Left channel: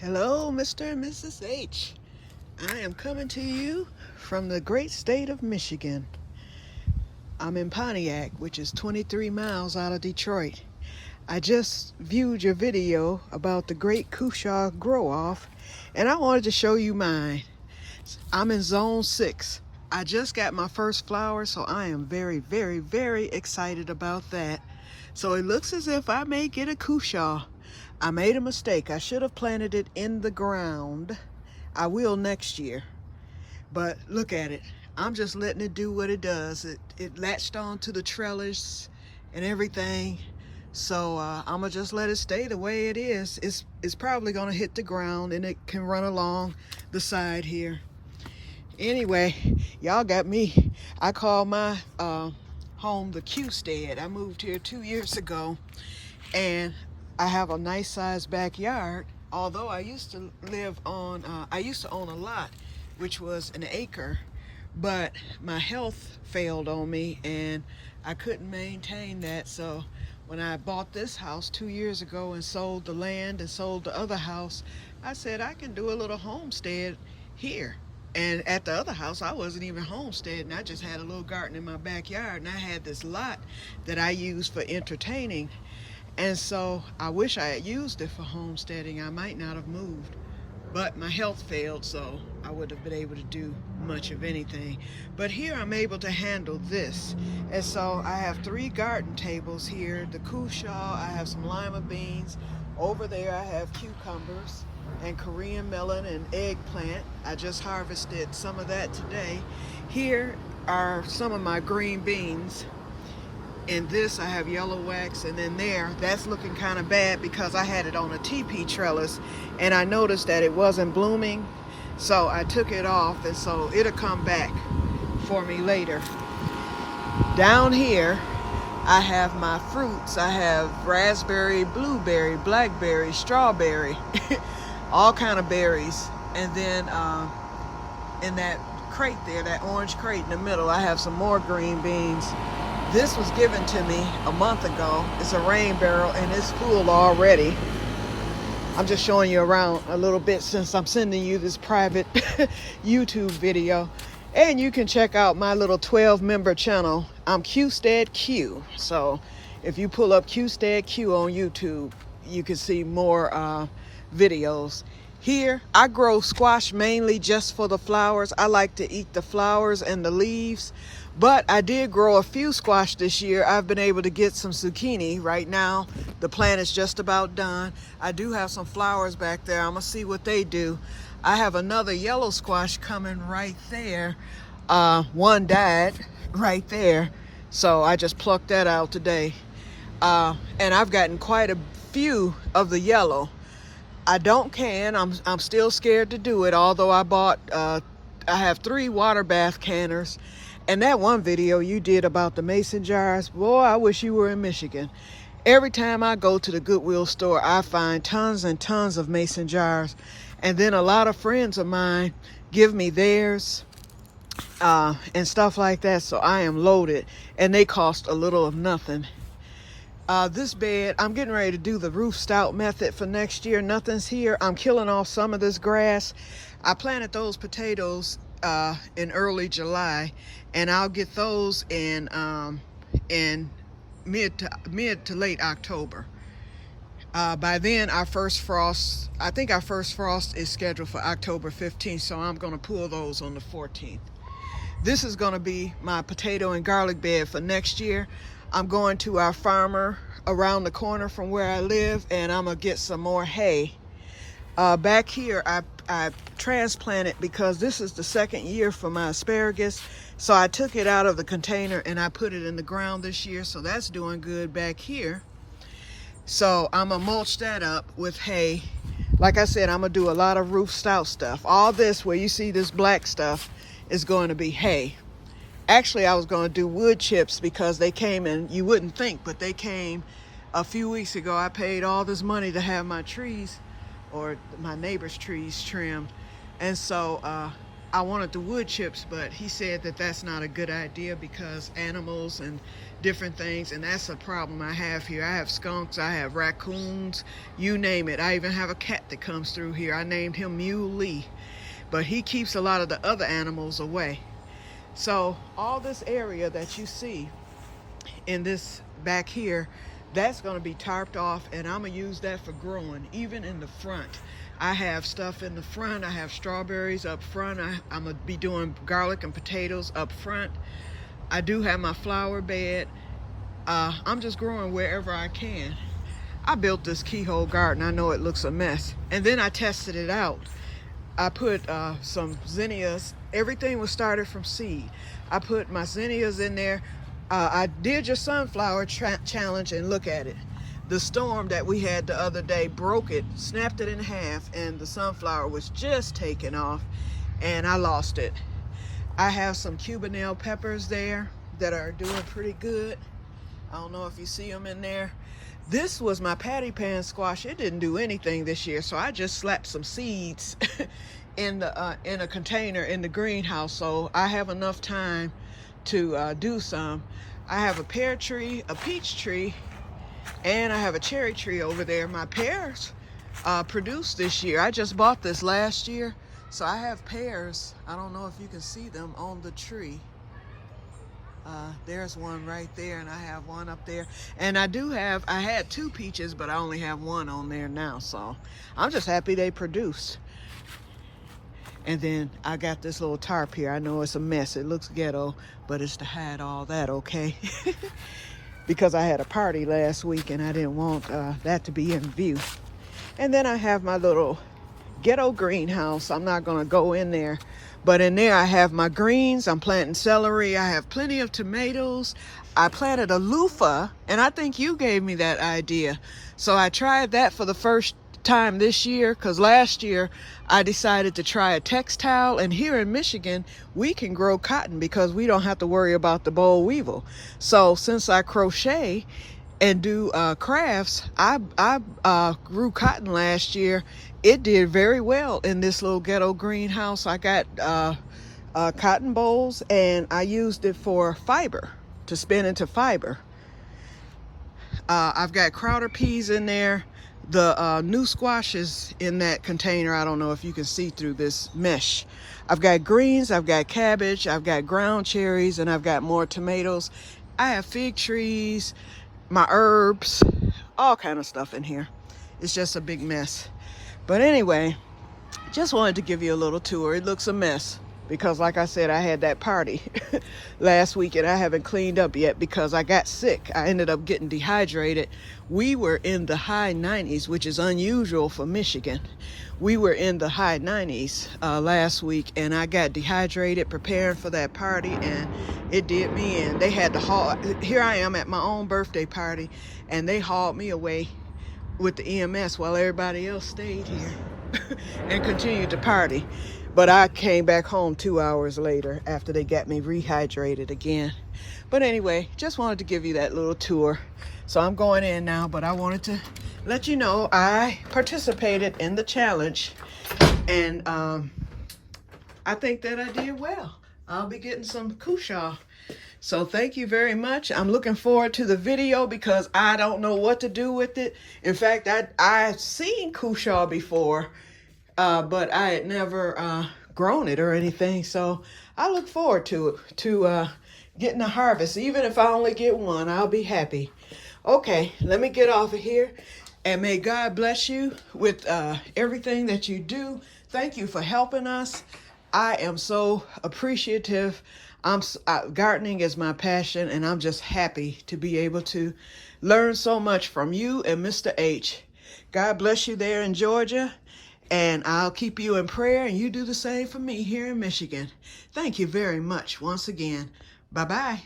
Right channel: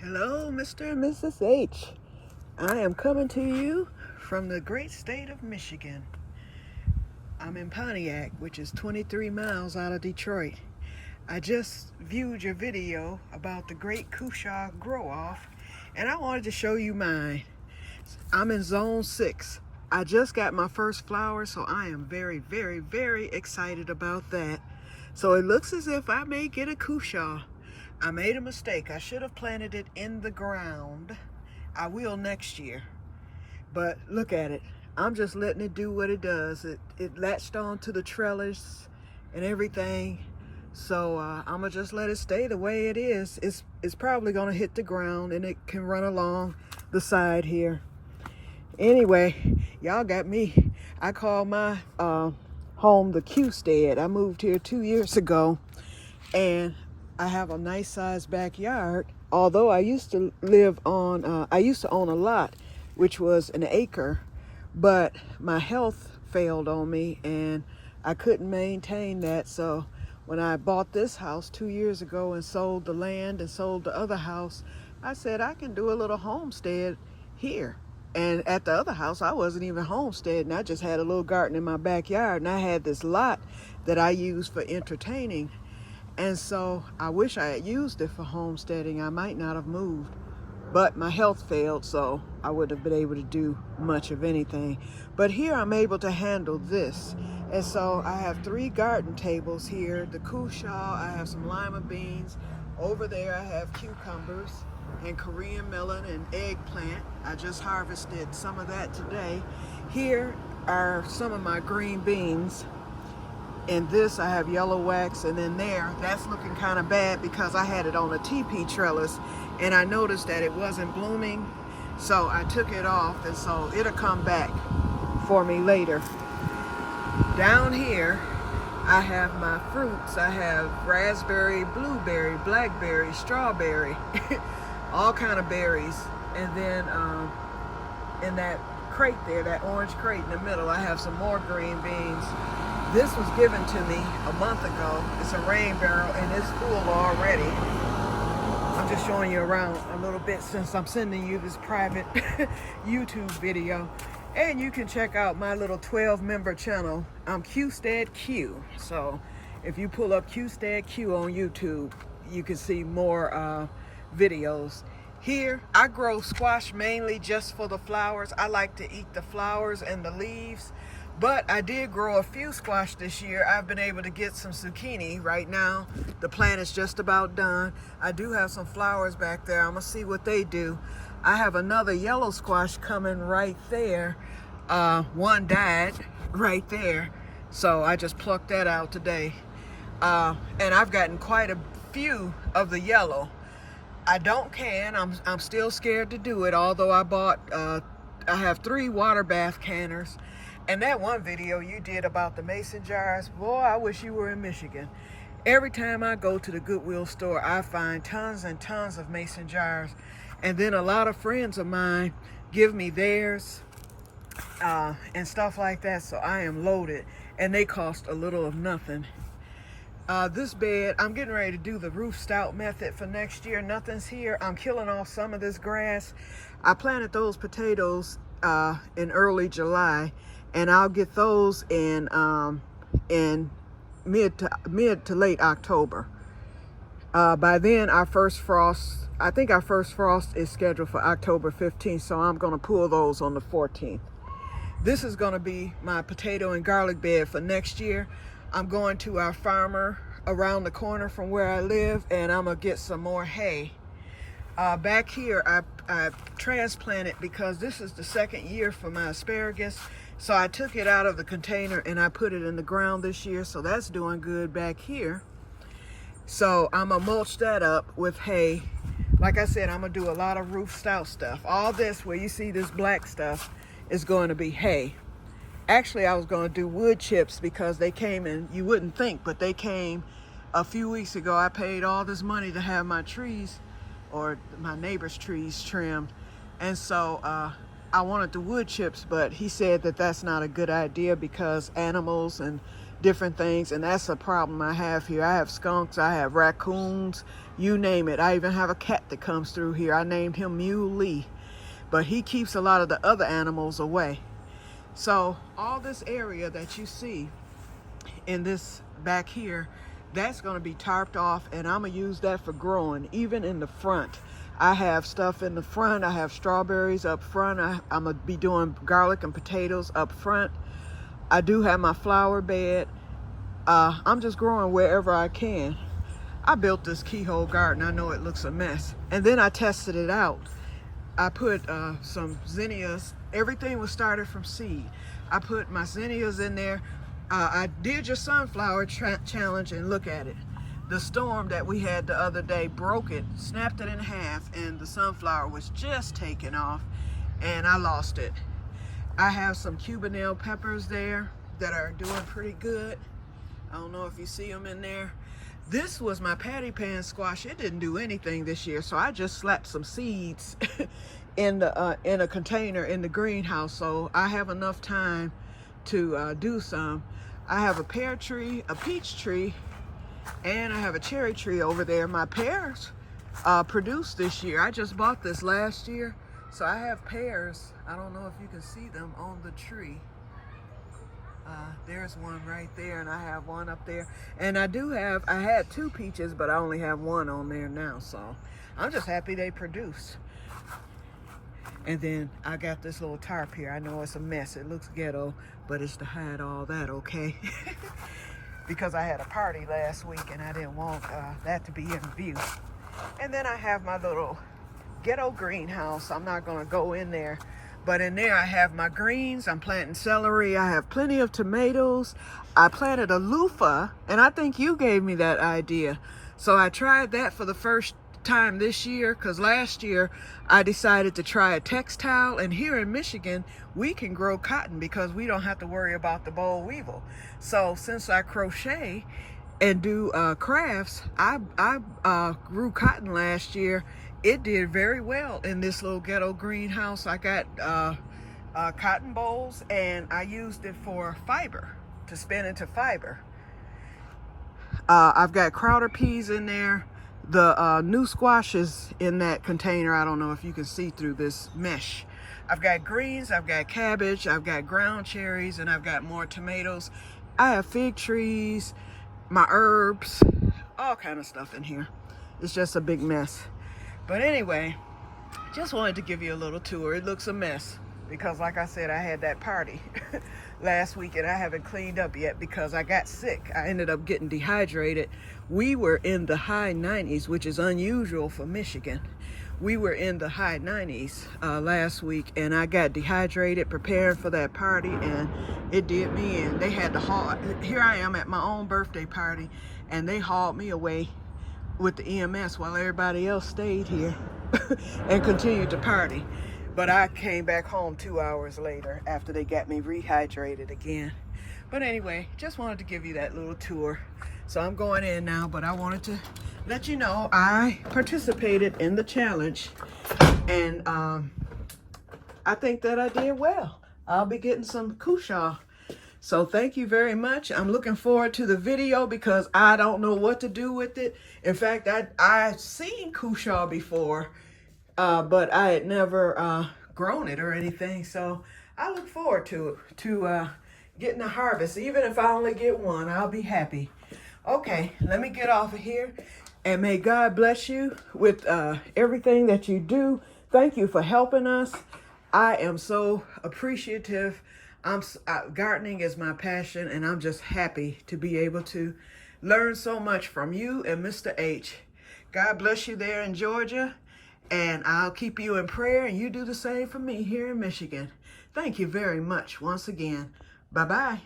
Hello, Mr. and Mrs. H. I am coming to you from the great state of Michigan. I'm in Pontiac, which is 23 miles out of Detroit. I just viewed your video about the great Cushaw grow-off, and I wanted to show you mine. I'm in zone 6. I just got my first flower, so I am very, very, very excited about that. So it looks as if I may get a Cushaw. I made a mistake. I should have planted it in the ground. I will next year. But look at it. I'm just letting it do what it does. It latched on to the trellis and everything. So I'm gonna just let it stay the way it is. It's probably gonna hit the ground and it can run along the side here. Anyway, y'all got me. I call my home the Que-stead. I moved here 2 years ago, and I have a nice sized backyard. Although I used to live on, I used to own a lot, which was an acre, but my health failed on me and I couldn't maintain that. So when I bought this house 2 years ago and sold the land and sold the other house, I said I can do a little homestead here. And at the other house, I wasn't even homesteading. I just had a little garden in my backyard, and I had this lot that I used for entertaining. And so I wish I had used it for homesteading. I might not have moved, but my health failed, so I wouldn't have been able to do much of anything. But here I'm able to handle this. And so I have 3 garden tables here. The Cushaw, I have some lima beans. Over there I have cucumbers and Korean melon and eggplant. I just harvested some of that today. Here are some of my green beans. In this I have yellow wax, and then there, that's looking kind of bad because I had it on a teepee trellis and I noticed that it wasn't blooming. So I took it off, and so it'll come back for me later. Down here I have my fruits. I have raspberry, blueberry, blackberry, strawberry, all kind of berries. And then in that crate there, that orange crate in the middle, I have some more green beans. This was given to me a month ago. It's a rain barrel and it's full already. I'm just showing you around a little bit since I'm sending you this private YouTube video. And you can check out my little 12-member channel. I'm Que-stead-Que. So if you pull up Que-stead-Que on YouTube, you can see more videos. Here, I grow squash mainly just for the flowers. I like to eat the flowers and the leaves. But I did grow a few squash this year. I've been able to get some zucchini right now. The plant is just about done. I do have some flowers back there. I'm gonna see what they do. I have another yellow squash coming right there. One died right there. So I just plucked that out today. And I've gotten quite a few of the yellow. I don't can. I'm still scared to do it, although I bought, I have 3 water bath canners. And that one video you did about the mason jars, boy, I wish you were in Michigan. Every time I go to the Goodwill store, I find tons and tons of mason jars. And then a lot of friends of mine give me theirs and stuff like that. So I am loaded, and they cost a little of nothing. This bed, I'm getting ready to do the roof stout method for next year. Nothing's here. I'm killing off some of this grass. I planted those potatoes in early July, and I'll get those in mid to late October. By then, our first frost, I think our first frost is scheduled for October 15th, so I'm going to pull those on the 14th. This is going to be my potato and garlic bed for next year. I'm going to our farmer around the corner from where I live, and I'm going to get some more hay. Back here, I transplanted because this is the 2nd year for my asparagus. So I took it out of the container and I put it in the ground this year. So that's doing good back here. So I'm gonna mulch that up with hay. Like I said, I'm gonna do a lot of roof stout stuff. All this where you see this black stuff is going to be hay. Actually, I was gonna do wood chips because they came in, you wouldn't think, but they came a few weeks ago. I paid all this money to have my trees, or my neighbor's trees, trimmed. And so I wanted the wood chips, but he said that that's not a good idea because animals and different things, and that's a problem I have here. I have skunks, I have raccoons, you name it. I even have a cat that comes through here. I named him Muley, but he keeps a lot of the other animals away. So all this area that you see in this back here, that's going to be tarped off, and I'm going to use that for growing. Even in the front, I have stuff in the front. I have strawberries up front. I'm going to be doing garlic and potatoes up front. I do have my flower bed. I'm just growing wherever I can. I built this keyhole garden. I know it looks a mess, and then I tested it out. I put some zinnias. Everything was started from seed. I put my zinnias in there. I did your sunflower challenge, and look at it. The storm that we had the other day broke it, snapped it in half, and the sunflower was just taking off, and I lost it. I have some Cubanelle peppers there that are doing pretty good. I don't know if you see them in there. This was my patty pan squash. It didn't do anything this year, so I just slapped some seeds in a container in the greenhouse, so I have enough time to do some. I have a pear tree, a peach tree, and I have a cherry tree over there. My pears produced this year. I just bought this last year, so I have pears. I don't know if you can see them on the tree. There's one right there, and I have one up there. And I had 2 peaches, but I only have 1 on there now, so I'm just happy they produced. And then I got this little tarp here. I know it's a mess. It looks ghetto, but it's to hide all that, okay? Because I had a party last week, and I didn't want that to be in view. And then I have my little ghetto greenhouse. I'm not gonna go in there, but in there I have my greens. I'm planting celery. I have plenty of tomatoes. I planted a loofah, and I think you gave me that idea. So I tried that for the first time this year, because last year I decided to try a textile, and here in Michigan we can grow cotton because we don't have to worry about the boll weevil. So since I crochet and do crafts, I grew cotton last year. It did very well in this little ghetto greenhouse. I got cotton bolls, and I used it for fiber, to spin into fiber. I've got crowder peas in there. The new squash is in that container. I don't know if you can see through this mesh. I've got greens, I've got cabbage, I've got ground cherries, and I've got more tomatoes. I have fig trees, my herbs, all kind of stuff in here. It's just a big mess. But anyway, just wanted to give you a little tour. It looks a mess because, like I said, I had that party last week, and I haven't cleaned up yet because I got sick. I ended up getting dehydrated. We were in the high 90s, which is unusual for Michigan. We were in the high 90s last week, and I got dehydrated preparing for that party, and it did me in. They had to haul. Here I am at my own birthday party, and they hauled me away with the EMS while everybody else stayed here and continued to party. But I came back home 2 hours later after they got me rehydrated again. But anyway, just wanted to give you that little tour. So I'm going in now, but I wanted to let you know I participated in the challenge, and I think that I did well. I'll be getting some Cushaw. So thank you very much. I'm looking forward to the video because I don't know what to do with it. In fact, I've seen Cushaw before, but I had never grown it or anything. So I look forward to it, to getting a harvest. Even if I only get one, I'll be happy. Okay, let me get off of here, and may God bless you with everything that you do. Thank you for helping us. I am so appreciative. Gardening is my passion, and I'm just happy to be able to learn so much from you and Mr. H. God bless you there in Georgia, and I'll keep you in prayer, and you do the same for me here in Michigan. Thank you very much once again. Bye-bye.